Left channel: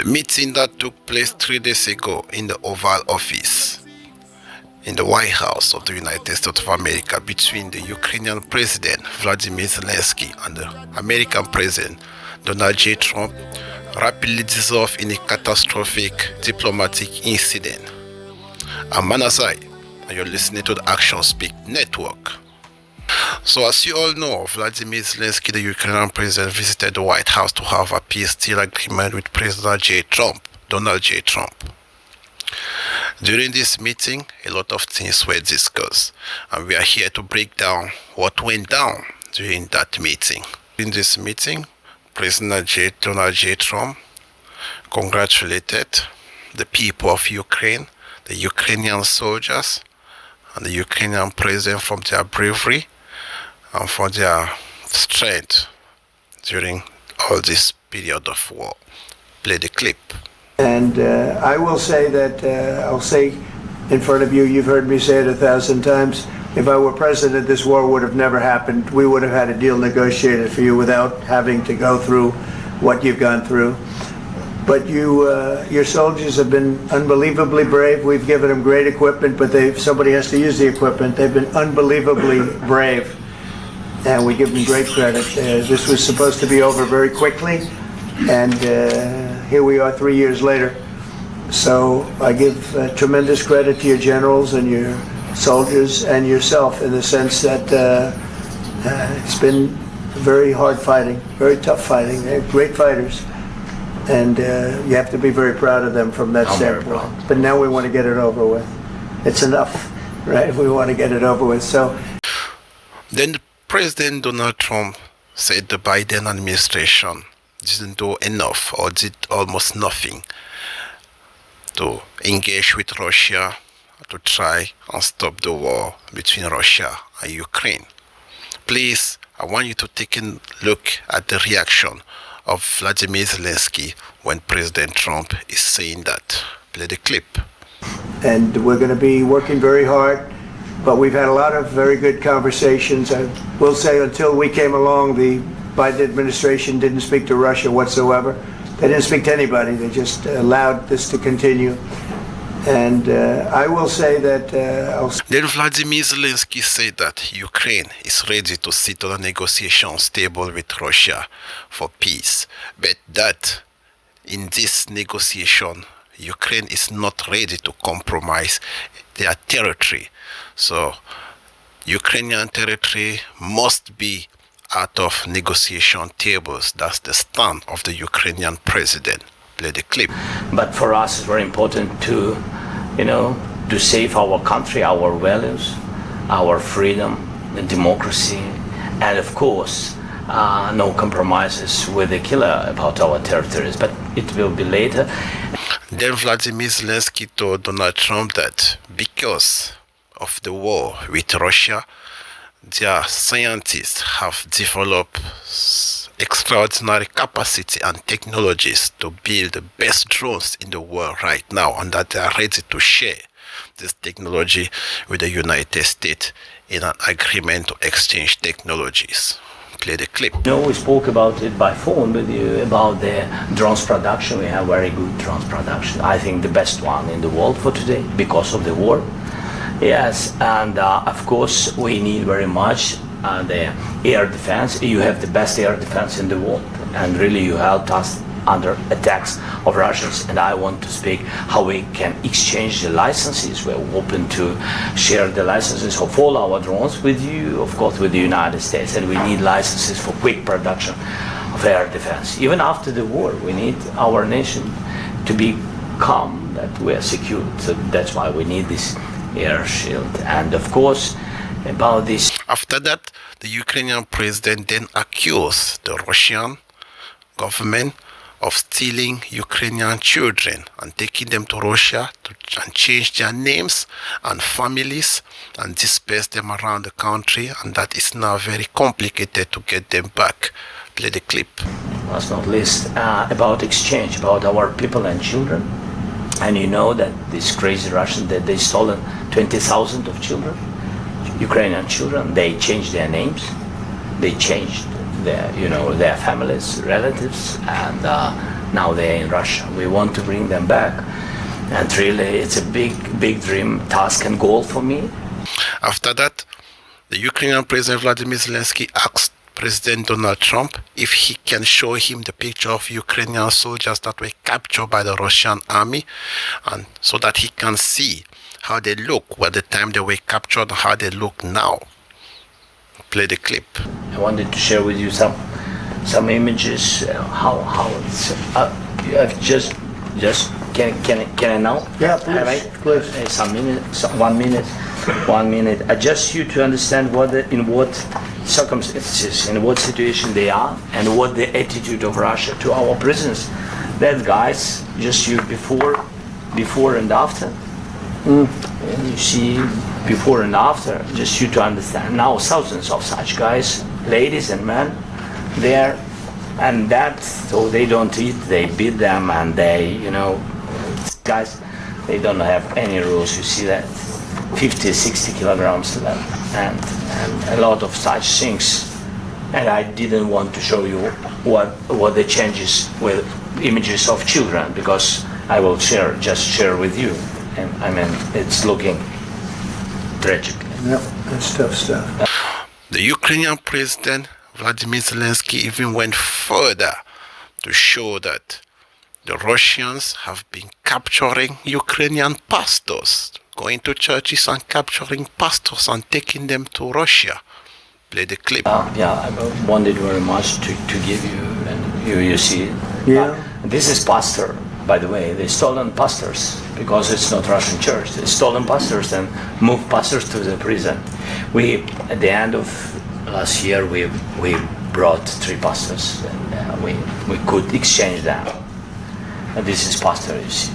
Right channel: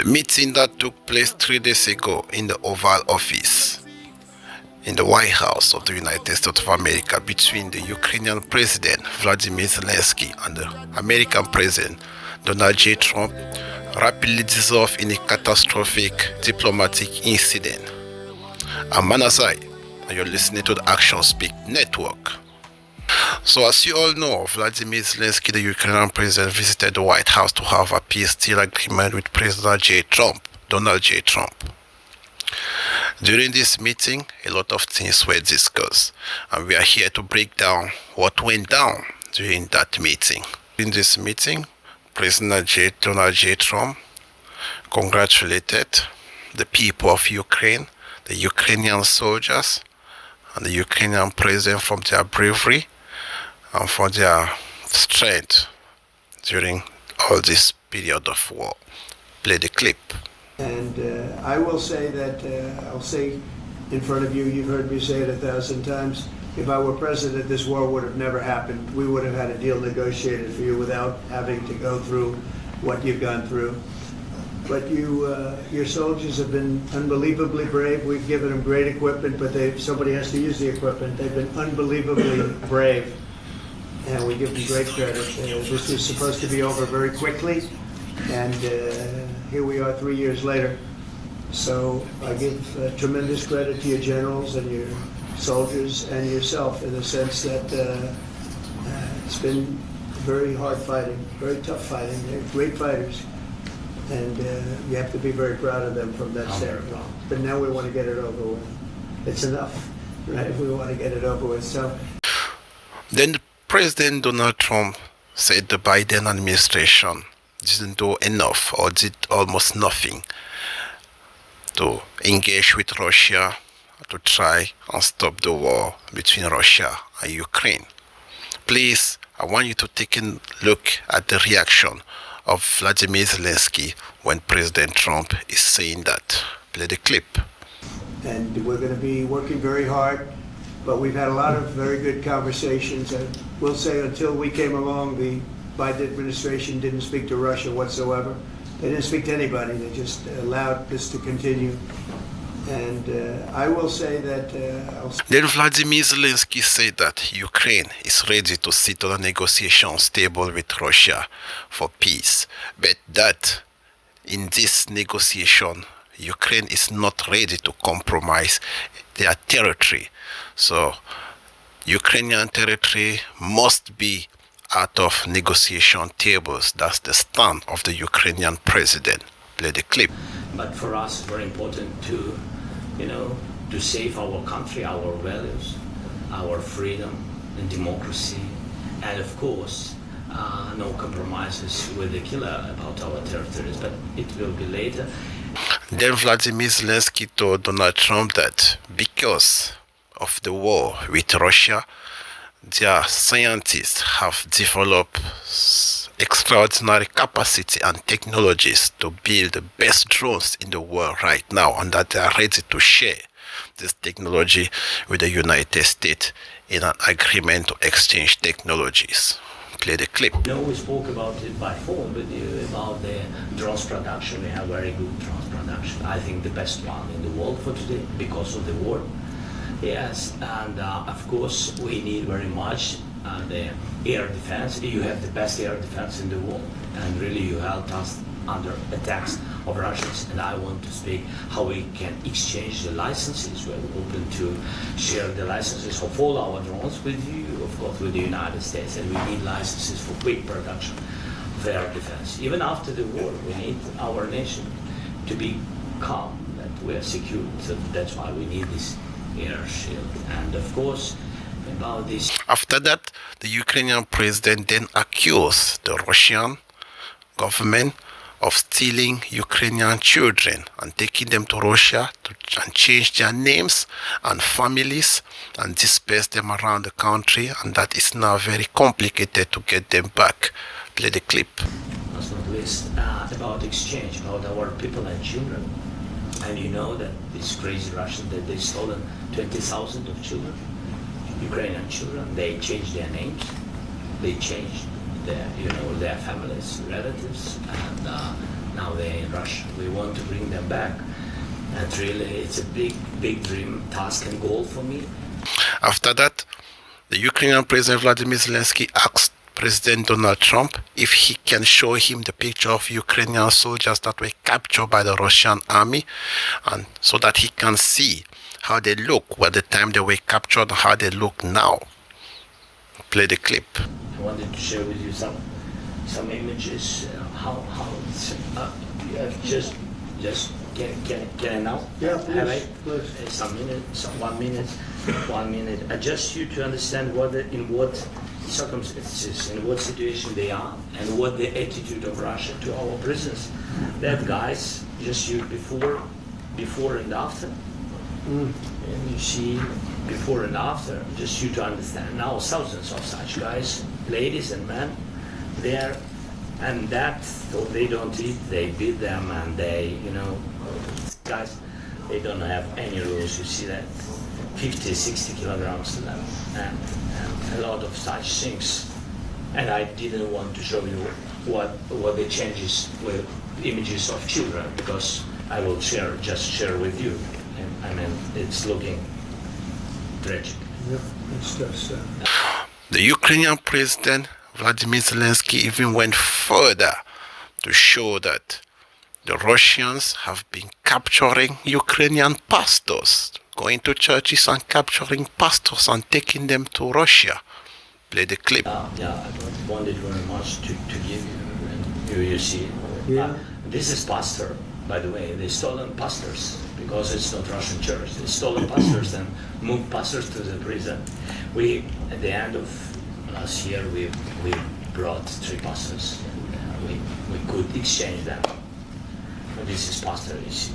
The meeting that took place 3 days ago in the Oval Office in the White House of the United States of America between the Ukrainian President Vladimir Zelensky and the American President Donald J. Trump rapidly dissolved in a catastrophic diplomatic incident. I'm Manasai, and you're listening to the Action Speak Network. So as you all know, Vladimir Zelensky, the Ukrainian president, visited the White House to have a peace deal agreement with President Donald J. Trump. During this meeting, a lot of things were discussed, and we are here to break down what went down during that meeting. In this meeting, Donald J. Trump congratulated the people of Ukraine, the Ukrainian soldiers, and the Ukrainian president for their bravery and for their strength during all this period of war. Play the clip. And I will say that, I'll say in front of you, you've heard me say it 1,000 times, if I were president, this war would have never happened. We would have had a deal negotiated for you without having to go through what you've gone through. But your soldiers have been unbelievably brave. We've given them great equipment, but somebody has to use the equipment. They've been unbelievably brave, and we give them great credit. This was supposed to be over very quickly, and here we are 3 years later. So I give tremendous credit to your generals and your soldiers and yourself in the sense that it's been very hard fighting, very tough fighting. They're great fighters. And you have to be very proud of them from that standpoint. But now we want to get it over with. It's enough, right? We want to get it over with. So then President Donald Trump said the Biden administration didn't do enough or did almost nothing to engage with Russia to try and stop the war between Russia and Ukraine. Please, I want you to take a look at the reaction of Vladimir Zelensky when President Trump is saying that. Play the clip. And we're going to be working very hard, but we've had a lot of very good conversations. I will say until we came along, the Biden administration didn't speak to Russia whatsoever. They didn't speak to anybody. They just allowed this to continue. And I will say that... Then Vladimir Zelensky said that Ukraine is ready to sit on a negotiations table with Russia for peace, but that in this negotiation, Ukraine is not ready to compromise their territory. So Ukrainian territory must be out of negotiation tables. That's the stand of the Ukrainian president. Play the clip. But for us, it's very important to save our country, our values, our freedom, and democracy, and of course, no compromises with the killer about our territories. But it will be later. Then Vladimir Zelensky told Donald Trump that because of the war with Russia, their scientists have developed extraordinary capacity and technologies to build the best drones in the world right now, and that they are ready to share this technology with the United States in an agreement to exchange technologies. Play the clip. We spoke about it by phone with you about the drones production. We have very good drones production. I think the best one in the world for today because of the war. Yes, and of course we need very much the air defense. You have the best air defense in the world, and really you helped us under attacks of Russians. And I want to speak how we can exchange the licenses. We're open to share the licenses of all our drones with you, of course, with the United States. And we need licenses for quick production of air defense. Even after the war, we need our nation to be calm, that we are secure. So that's why we need this air shield. And of course, about this. After that, the Ukrainian president then accused the Russian government of stealing Ukrainian children and taking them to Russia and change their names and families and disperse them around the country, and that is now very complicated to get them back. Play the clip. Last not least, about exchange, about our people and children. And you know that these crazy Russians, that they stolen 20,000 of children, Ukrainian children. They changed their names, they changed their families, relatives, and Now they're in Russia. We want to bring them back. And really, it's a big dream, task and goal for me. After that, the Ukrainian President Vladimir Zelensky asked President Donald Trump if he can show him the picture of Ukrainian soldiers that were captured by the Russian army, and so that he can see how they look at the time they were captured and how they look now. Play the clip. I wanted to share with you some images. How it's just can I now? Yeah, Have I? please. Some minute, 1 minute, 1 minute. I just you to understand in what circumstances, in what situation they are, and what the attitude of Russia to our prisoners. That guys, just you before and after. And you see before and after, just you to understand. Now thousands of such guys, ladies and men, there, and that, so they don't eat, they beat them, and they, guys, they don't have any rules. You see that 50, 60 kilograms left, and a lot of such things. And I didn't want to show you what the changes with images of children, because I will share with you. And I mean, it's looking tragic. Yep, that's tough stuff. The Ukrainian President Vladimir Zelensky even went further to show that the Russians have been capturing Ukrainian pastors, going to churches and capturing pastors and taking them to Russia. Play the clip. I wanted very much to give you, and you see. Yeah. This is pastor, by the way. They stolen pastors because it's not Russian church. They stolen pastors and moved pastors to the prison. We, at the end of last year, we brought 3 pastors, and we could exchange them. And this is pastor, you see.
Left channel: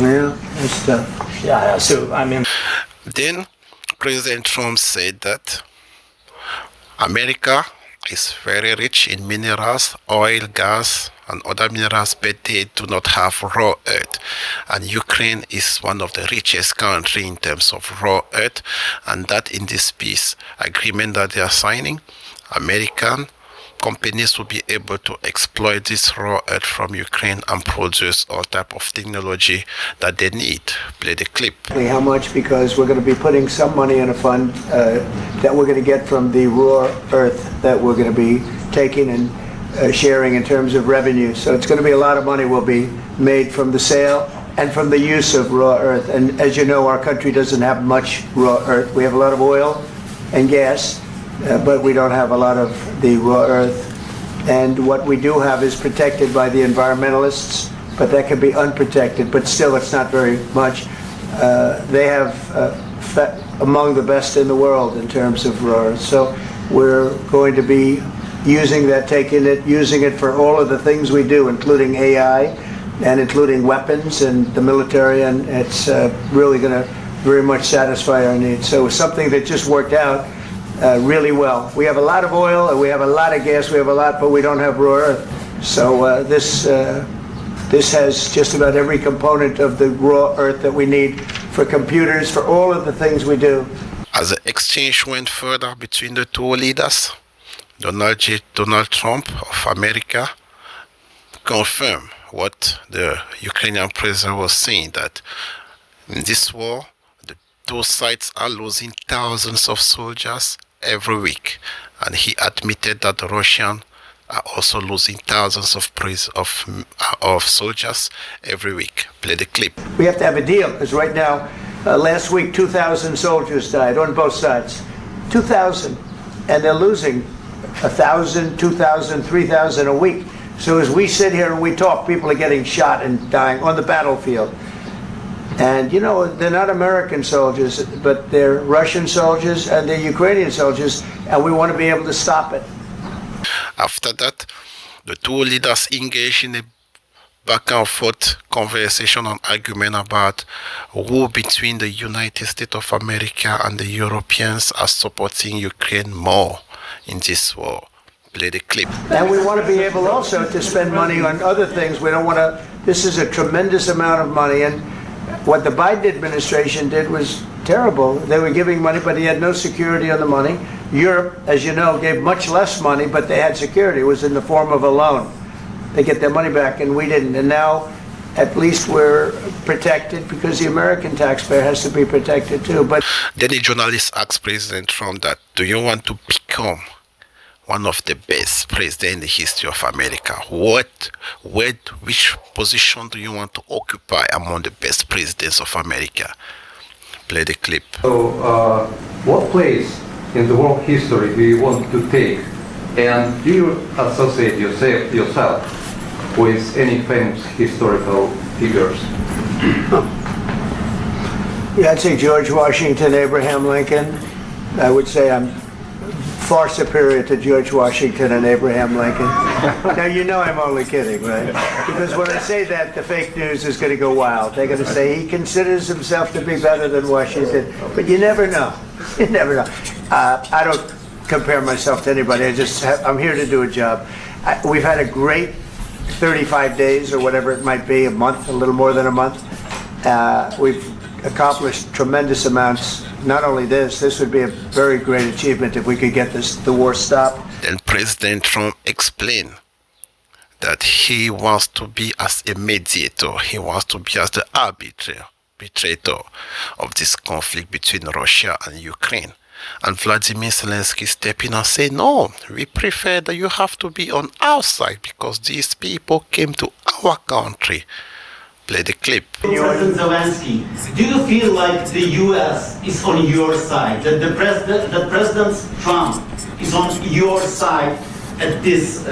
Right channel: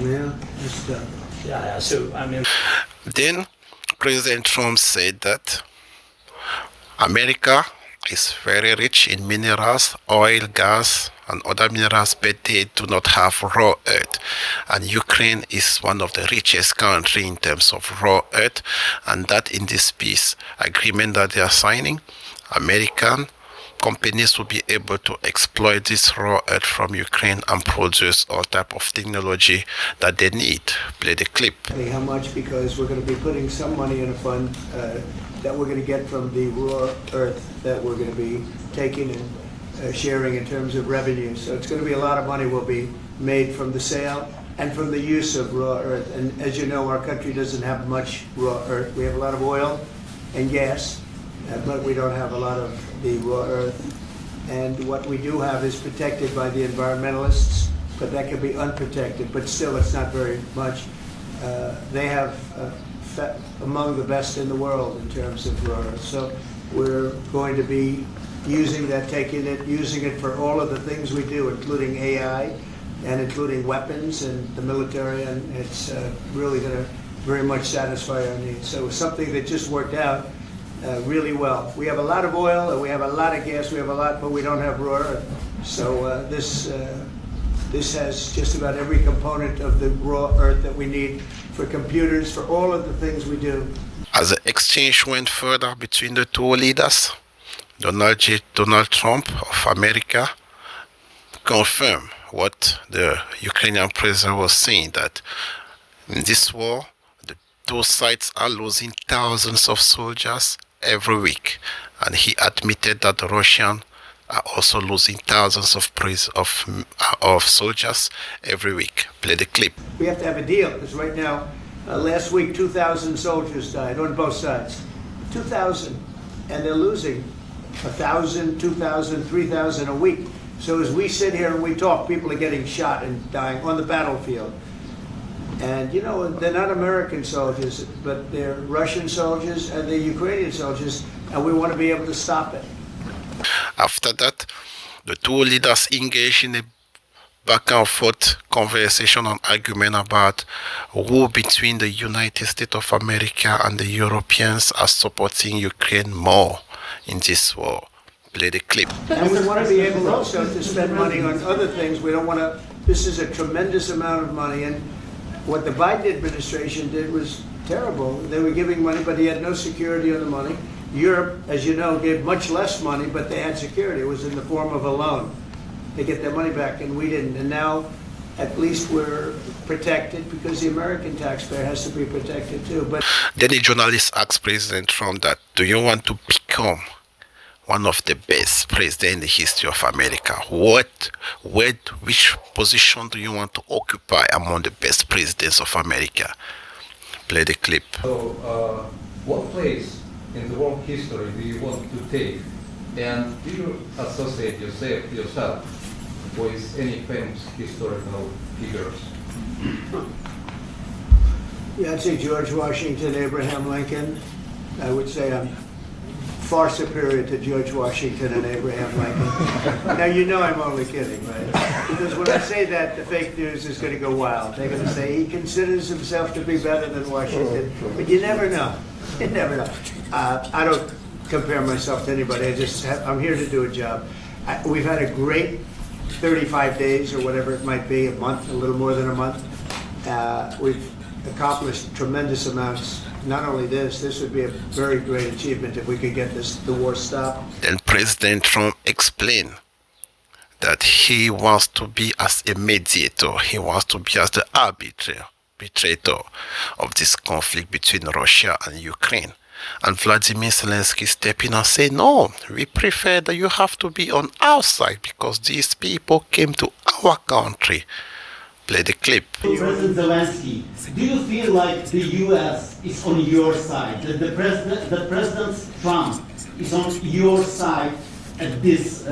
Yeah, that's tough. Yeah. So I mean. Then President Trump said that America is very rich in minerals, oil, gas, and other minerals, but they do not have raw earth. And Ukraine is one of the richest countries in terms of raw earth, and that in this peace agreement that they are signing, American companies will be able to exploit this raw earth from Ukraine and produce all type of technology that they need. Play the clip. How much? Because we're going to be putting some money in a fund that we're going to get from the raw earth that we're going to be taking and sharing in terms of revenue. So it's going to be a lot of money will be made from the sale and from the use of raw earth. And as you know, our country doesn't have much raw earth. We have a lot of oil and gas, but we don't have a lot of the raw earth. And what we do have is protected by the environmentalists, but that can be unprotected, but still it's not very much. They have among the best in the world in terms of raw earth. So we're going to be using that, using it for all of the things we do, including AI and including weapons and the military, and it's really going to very much satisfy our needs. So it's something that just worked out really well. We have a lot of oil and we have a lot of gas, we have a lot, but we don't have raw earth. So this has just about every component of the raw earth that we need for computers, for all of the things we do. As the exchange went further between the two leaders, Donald Trump of America confirmed what the Ukrainian president was saying, that in this war, the two sides are losing thousands of soldiers every week. And he admitted that the Russians are also losing thousands of soldiers every week. Play the clip. We have to have a deal, because right now, last week, 2,000 soldiers died on both sides. 2,000. And they're losing 1,000, 2,000, 3,000 a week. So as we sit here and we talk, people are getting shot and dying on the battlefield. And, they're not American soldiers, but they're Russian soldiers and they're Ukrainian soldiers, and we want to be able to stop it. After that, the two leaders engaged in a back and forth conversation and argument about who between the United States of America and the Europeans are supporting Ukraine more in this war. Play the clip. And we want to be able also to spend money on other things. We don't want to, this is a tremendous amount of money, and what the Biden administration did was terrible. They were giving money, but he had no security on the money. Europe, as you know, gave much less money, but they had security. It was in the form of a loan. they get their money back, and we didn't. And now, at least we're protected because the American taxpayer has to be protected too. But then a journalist asked President Trump that, do you want to become one of the best presidents in the history of America? Which position do you want to occupy among the best presidents of America? Play the clip. So, what place in the world history do you want to take? And do you associate yourself with any famous historical figures? yeah, I'd say George Washington, Abraham Lincoln. I would say I'm far superior to George Washington and Abraham Lincoln. Now, you know I'm only kidding, right? Because when I say that, the fake news is going to go wild. They're going to say he considers himself to be better than Washington. But you never know. You never know. I don't compare myself to anybody. I'm here to do a job. We've had a great 35 days or whatever it might be, a month, a little more than a month. We've accomplished tremendous amounts. Not only this would be a very great achievement if we could get the war stopped. Then President Trump explained that he wants to be as a mediator. He wants to be as the arbitrator of this conflict between Russia and Ukraine. And Vladimir Zelensky stepped in and said, no, we prefer that you have to be on our side because these people came to our country. Play the clip. President Zelensky, do you feel like the U.S. is on your side? That President Trump is on your side at this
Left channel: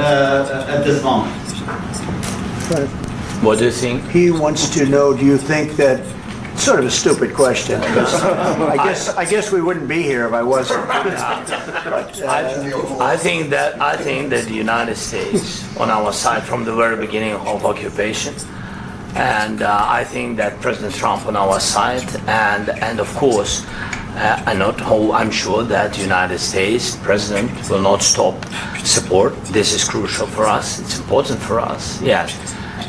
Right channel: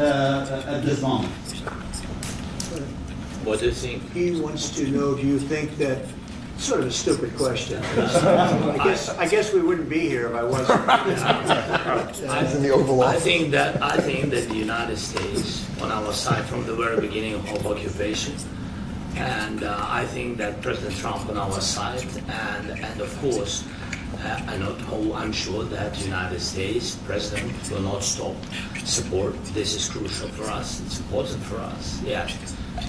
moment? What do you think? He wants to know, do you think that, sort of a stupid question. I guess we wouldn't be here if I wasn't. I think that the United States on our side from the very beginning of occupation, and I think that President Trump on our side, and of course, I'm sure that the United States President will not stop support. This is crucial for us. It's important for us. Yes.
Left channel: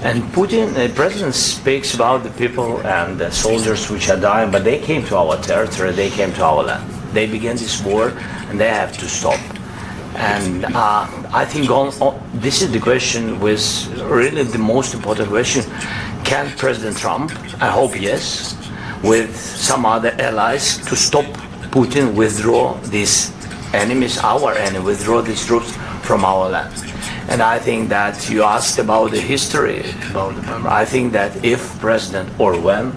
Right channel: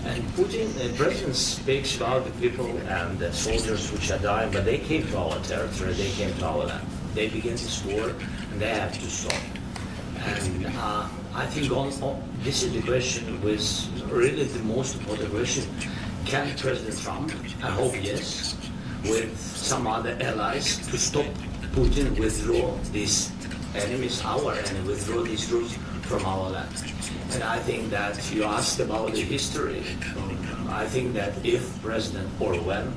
And Putin, the president, speaks about the people and the soldiers which are dying, but they came to our territory, they came to our land. They began this war, and they have to stop. And I think this is the question, with really the most important question. Can President Trump, I hope yes, with some other allies, to stop Putin, withdraw these enemies, our enemy, withdraw these troops from our land? And I think that you asked about the history. I think that if President, or when,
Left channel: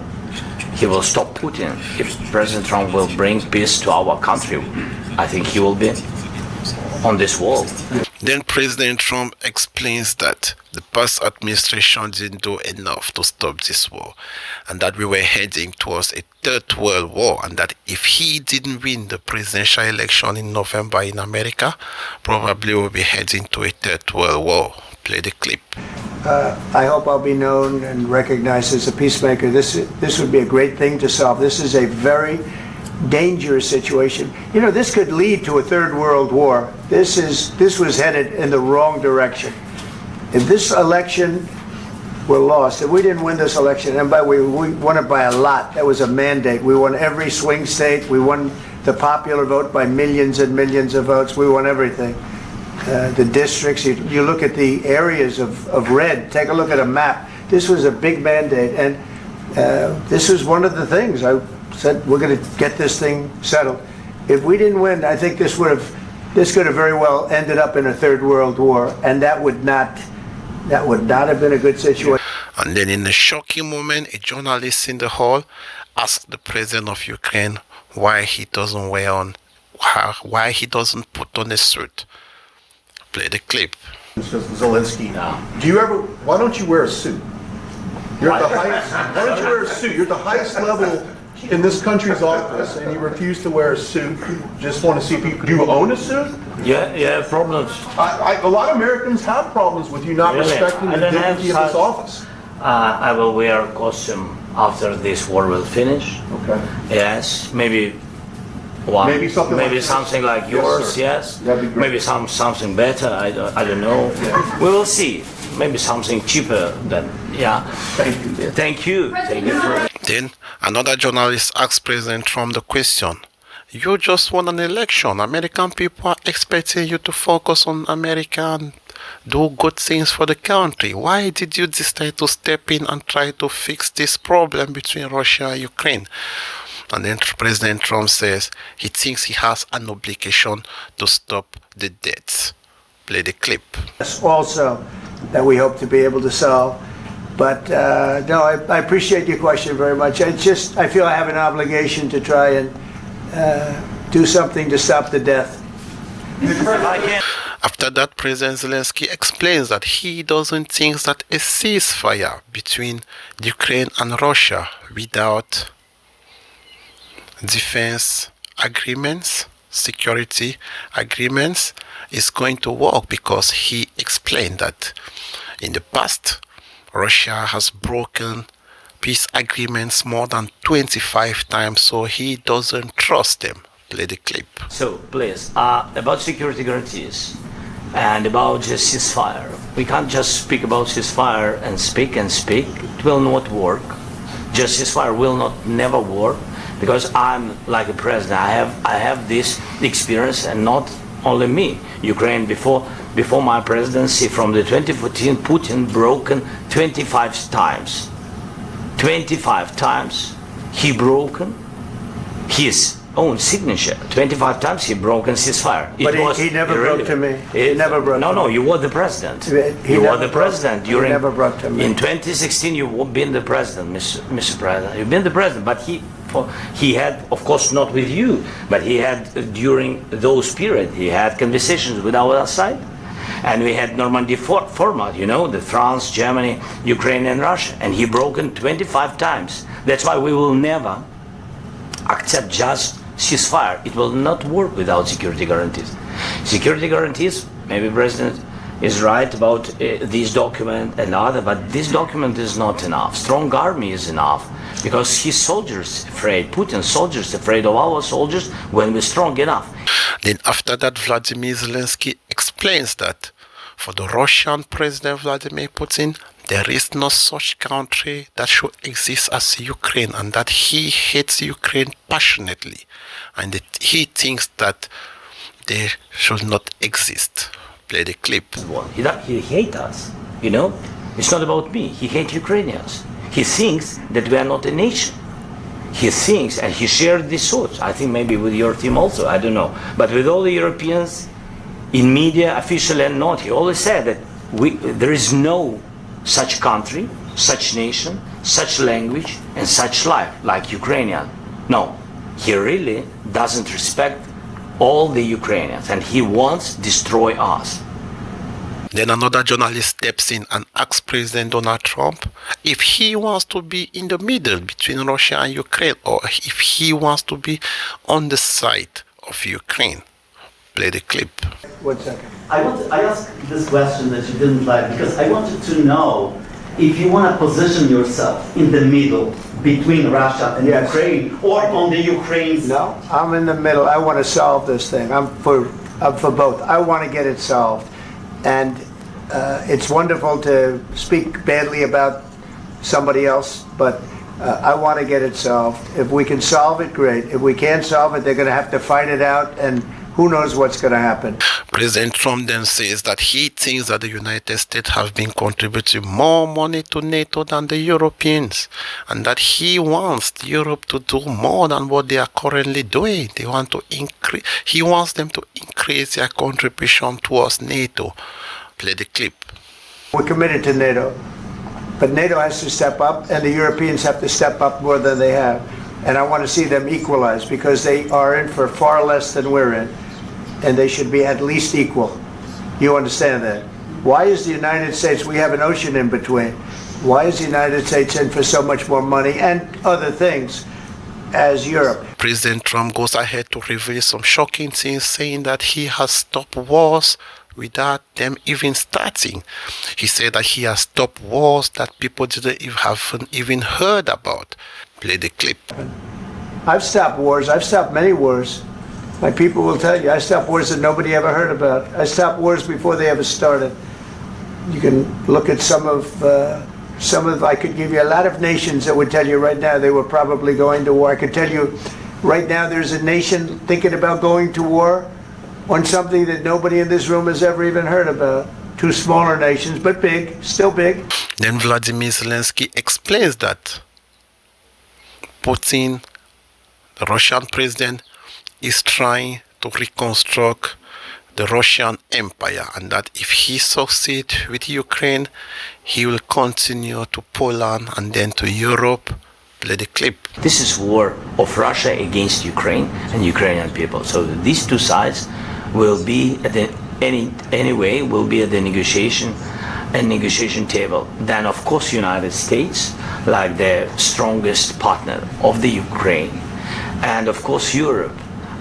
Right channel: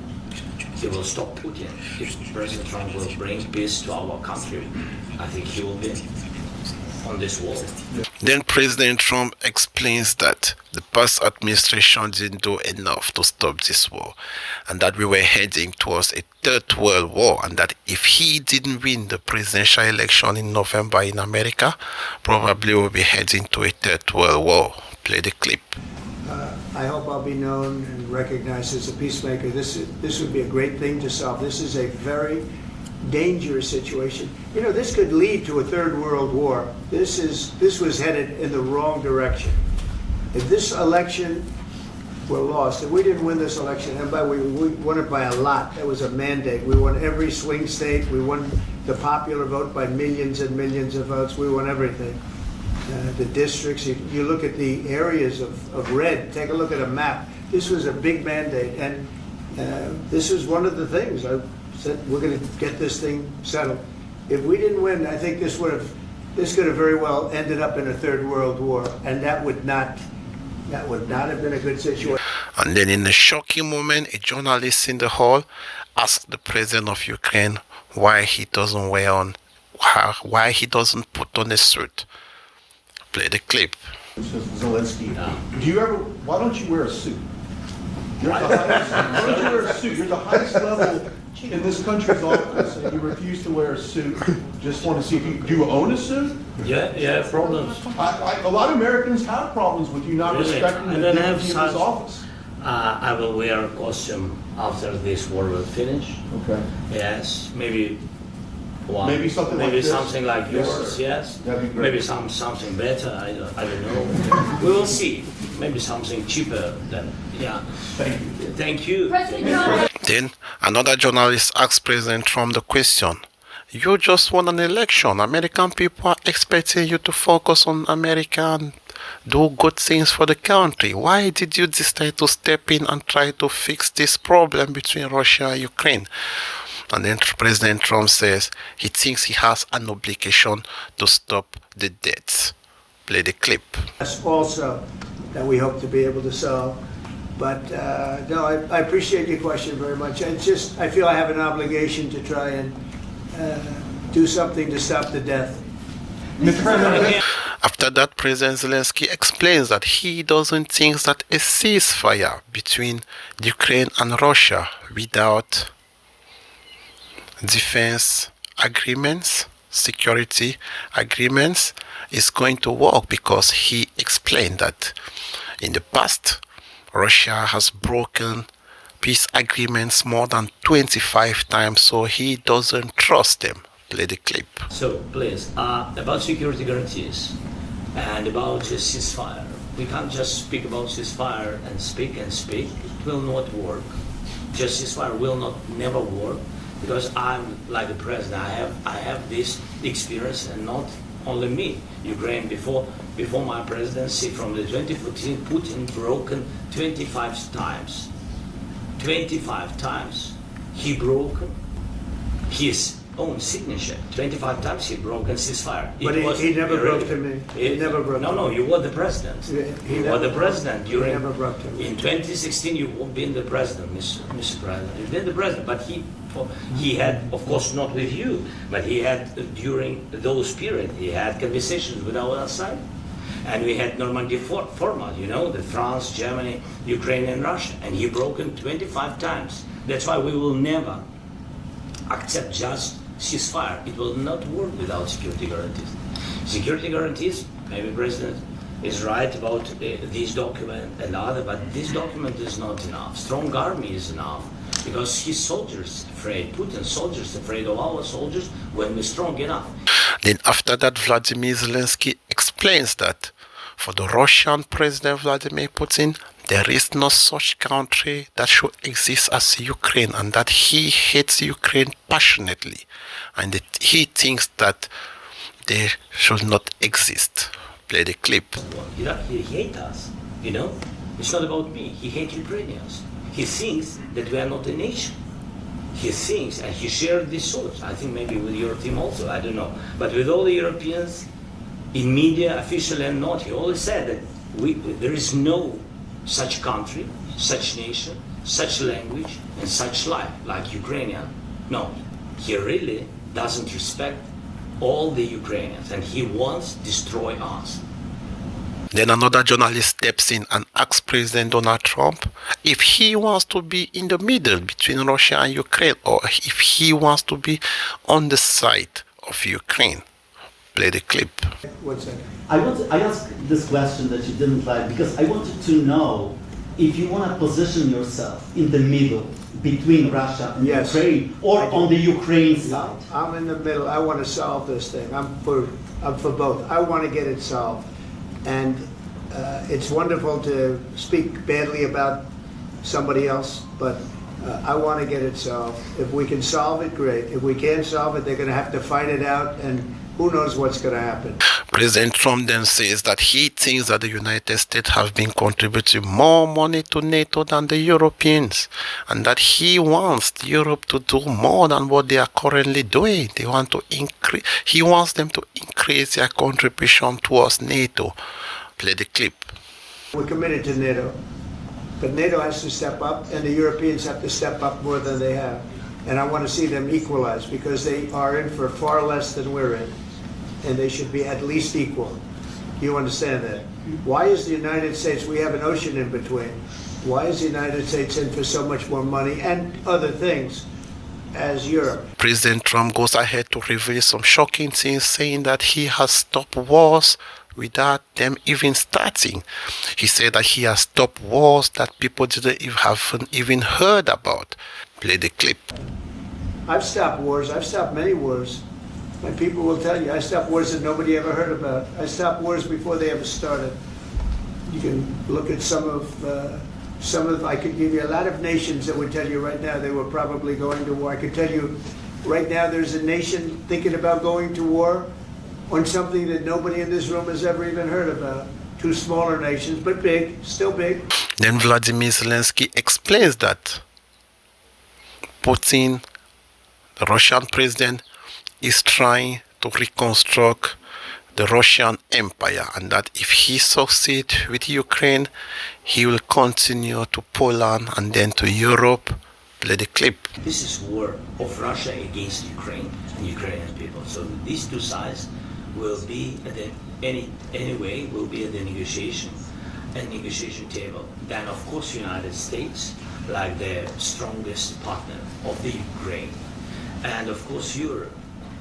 he will stop Putin, if President Trump will bring peace to our country, I think he will be on this world. Then President Trump explains that the past administration didn't do enough to stop this war, and that we were heading towards a third world war, and that if he didn't win the presidential election in November in America, probably we'll be heading to a third world war. Play the clip. I hope I'll be known and recognized as a peacemaker. This would be a great thing to solve. This is a very dangerous situation. You know, this could lead to a third world war. This was headed in the wrong direction. If this election were lost, if we didn't win this election, and we won it by a lot, that was a mandate. We won every swing state. We won the popular vote by millions and millions of votes. We won everything. The districts, you look at the areas of red, take a look at a map. This was a big mandate, and this was one of the things I said, we're going to get this thing settled. If we didn't win, I think this could have very well ended up in a third world war, and that would not have been a good situation. And then in a shocking moment, a journalist in the hall asked the president of Ukraine why he doesn't put on a suit. Play the clip. Zelensky, why don't you wear a suit? You're at the highest, why don't you wear a suit? You're at the highest level in this country's office, and you refuse to wear a suit. Just want to see people. Do you own a suit? Yeah, problems. A lot of Americans have problems with you not respecting the dignity of this office. I will wear a costume after this war will finish. Okay. Yes, maybe one. Maybe something like this. Something like yours. Yes. That'd be great. Maybe something better. I don't know. We will see. Maybe something cheaper than, yeah. Thank you. Thank you. Then another journalist asked President Trump the question, you just won an election. American people are expecting you to focus on America and do good things for the country. Why did you decide to step in and try to fix this problem between Russia and Ukraine? And then President Trump says he thinks he has an obligation to stop the deaths. Play the clip. Also, that we hope to be able to solve. But no, I appreciate your question very much. I feel I have an obligation to try and do something to stop the death. After that, President Zelensky explains that he doesn't think that a ceasefire between Ukraine and Russia without defense agreements, security agreements, is going to work, because he explained that in the past, Russia has broken peace agreements more than 25 times, so he doesn't trust them. Play the clip. So, please, about security guarantees and about ceasefire. We can't just speak about ceasefire and speak and speak. It will not work. Just ceasefire will not never work, because I'm like a president. I have this experience, and not only me. Ukraine before my presidency, from the 2014, Putin broken 25 times. 25 times he broken his own signature. 25 times he broken ceasefire. But he never broke to me. He never broke to me. No, you were the president. He You were never the president broke- during. he never broke to me. In 2016, you've been the president, Mr. President. You've been the president, but he had, of course, not with you, but he had during those periods. He had conversations with our side, and we had Normandy format. You know, the France, Germany, Ukraine, and Russia, and he broken 25 times. That's why we will never accept just ceasefire. It will not work without security guarantees. Security guarantees, maybe President is right about this document and other, but this document is not enough. Strong army is enough, because his soldiers afraid, Putin's soldiers afraid of our soldiers when we're strong enough. Then after that, Vladimir Zelensky explains that for the Russian President Vladimir Putin, there is no such country that should exist as Ukraine, and that he hates Ukraine passionately, and that he thinks that they should not exist. Play the clip. He hates us, you know. It's not about me. He hates Ukrainians. He thinks that we are not a nation. He thinks, and he shared these thoughts, I think maybe with your team also, I don't know. But with all the Europeans, in media, officially and not, he always said that there is no such country, such nation, such language, and such life like Ukrainian. No, he really doesn't respect all the Ukrainians, and he wants to destroy us. Then another journalist steps in and asks President Donald Trump if he wants to be in the middle between Russia and Ukraine, or if he wants to be on the side of Ukraine. Play the clip. 1 second. I asked this question that you didn't like because I wanted to know if you want to position yourself in the middle between Russia and Yes. Ukraine, or on the Ukraine side. No, I'm in the middle. I want to solve this thing. I'm for both. I want to get it solved. And it's wonderful to speak badly about somebody else, but I want to get it solved. If we can solve it, great. If we can't solve it, they're going to have to fight it out, and who knows what's going to happen. President Trump then says that he thinks that the United States have been contributing more money to NATO than the Europeans, and that he wants Europe to do more than what they are currently doing. They want to increase. He wants them to increase their contribution towards NATO. Play the clip. We're committed to NATO, but NATO has to step up, and the Europeans have to step up more than they have. And I want to see them equalize, because they are in for far less than we're in, and they should be at least equal. You understand that? Why is the United States, we have an ocean in between, why is the United States in for so much more money and other things as Europe? President Trump goes ahead to reveal some shocking things, saying that he has stopped wars without them even starting. He said that he has stopped wars that people haven't even heard about. Play the clip. I've stopped wars. I've stopped many wars. Like people will tell you, I stopped wars that nobody ever heard about. I stopped wars before they ever started. You can look at some of, I could give you a lot of nations that would tell you right now they were probably going to war. I could tell you right now there's a nation thinking about going to war on something that nobody in this room has ever even heard about. two smaller nations, but big, still big. Then Vladimir Zelensky explains that Putin, the Russian president, is trying to reconstruct the Russian Empire, and that if he succeeds with Ukraine, he will continue to Poland and then to Europe. Play the clip. This is war of Russia against Ukraine and Ukrainian people. So these two sides will be at the anyway will be at the negotiation table. Then of course United States, like the strongest partner of the Ukraine, and of course Europe.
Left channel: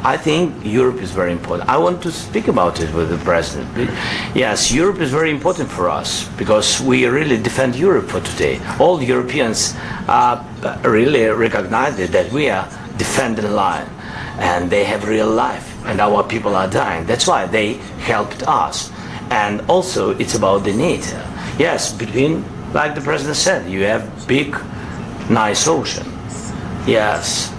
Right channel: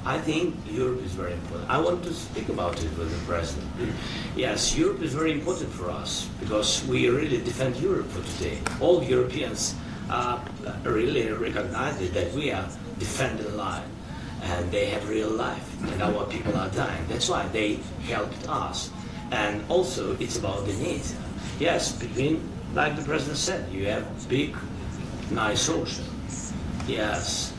I think Europe is very important. I want to speak about it with the president. Yes, Europe is very important for us because we really defend Europe for today. All Europeans really recognize that we are defending line, and they have real life, and our people are dying. That's why they helped us. And also, it's about the NATO. Yes, between, like the president said, you have big, nice ocean. Yes,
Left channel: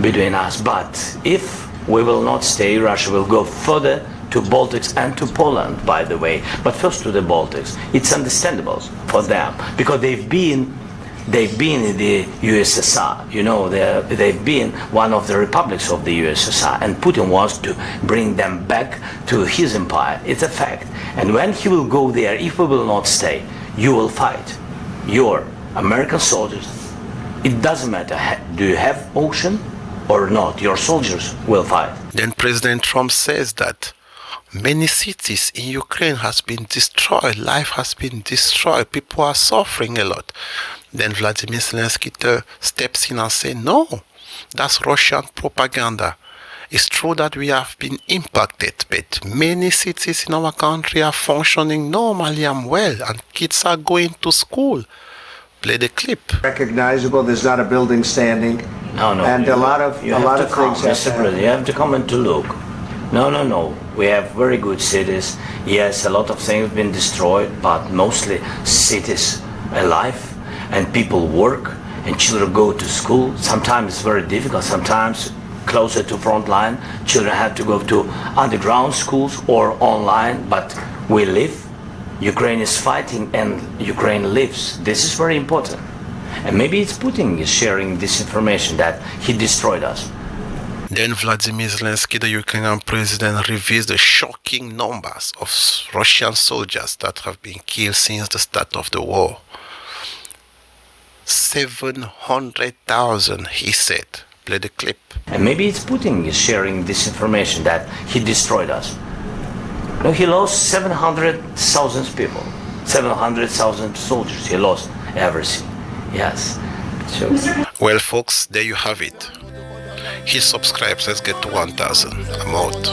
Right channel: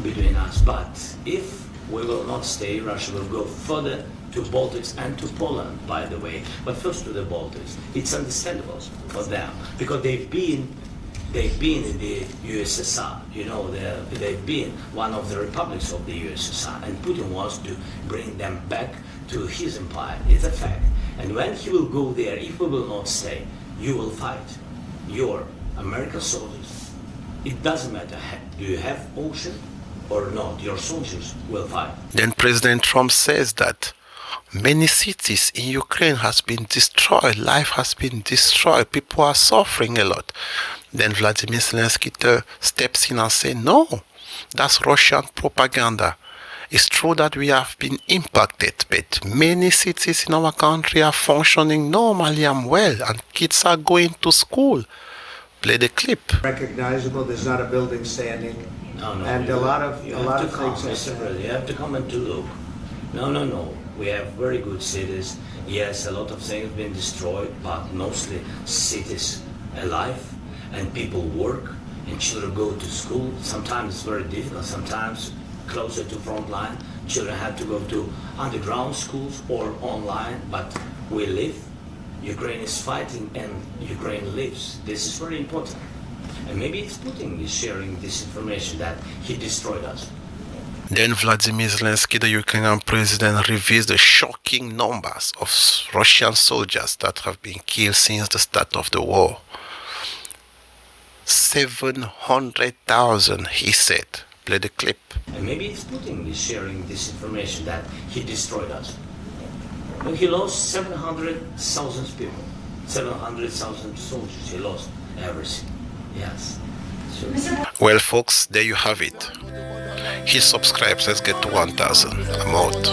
between us. But if we will not stay, Russia will go further to Baltics and to Poland, by the way. But first to the Baltics. It's understandable for them because they've been in the USSR. You know, they've been one of the republics of the USSR, and Putin wants to bring them back to his empire. It's a fact. And when he will go there, if we will not stay, you will fight. Your American soldiers. It doesn't matter. Do you have ocean or not? Your soldiers will fight. Then President Trump says that many cities in Ukraine has been destroyed. Life has been destroyed. People are suffering a lot. Then Vladimir Zelensky steps in and says, no, that's Russian propaganda. It's true that we have been impacted, but many cities in our country are functioning normally and well, and kids are going to school. Play the clip. Recognizable, there's not a building standing. No. And a lot of things Mr. President, you have to come and to look. No. We have very good cities. Yes, a lot of things have been destroyed, but mostly cities alive, and people work, and children go to school. Sometimes it's very difficult. Sometimes closer to front line, children have to go to underground schools or online, but we live. Ukraine is fighting and Ukraine lives. This is very important. And maybe it's Putin is sharing this information that he destroyed us. Then Vladimir Zelensky, the Ukrainian president, reveals the shocking numbers of Russian soldiers that have been killed since the start of the war. 700,000, he said. Play the clip. And maybe it's Putin is sharing this information that he destroyed us. No, he lost 700,000 people, 700,000 soldiers. He lost everything. Yes. So. Well, folks, there you have it. Hit subscribe. Let's get to 1,000. I'm out.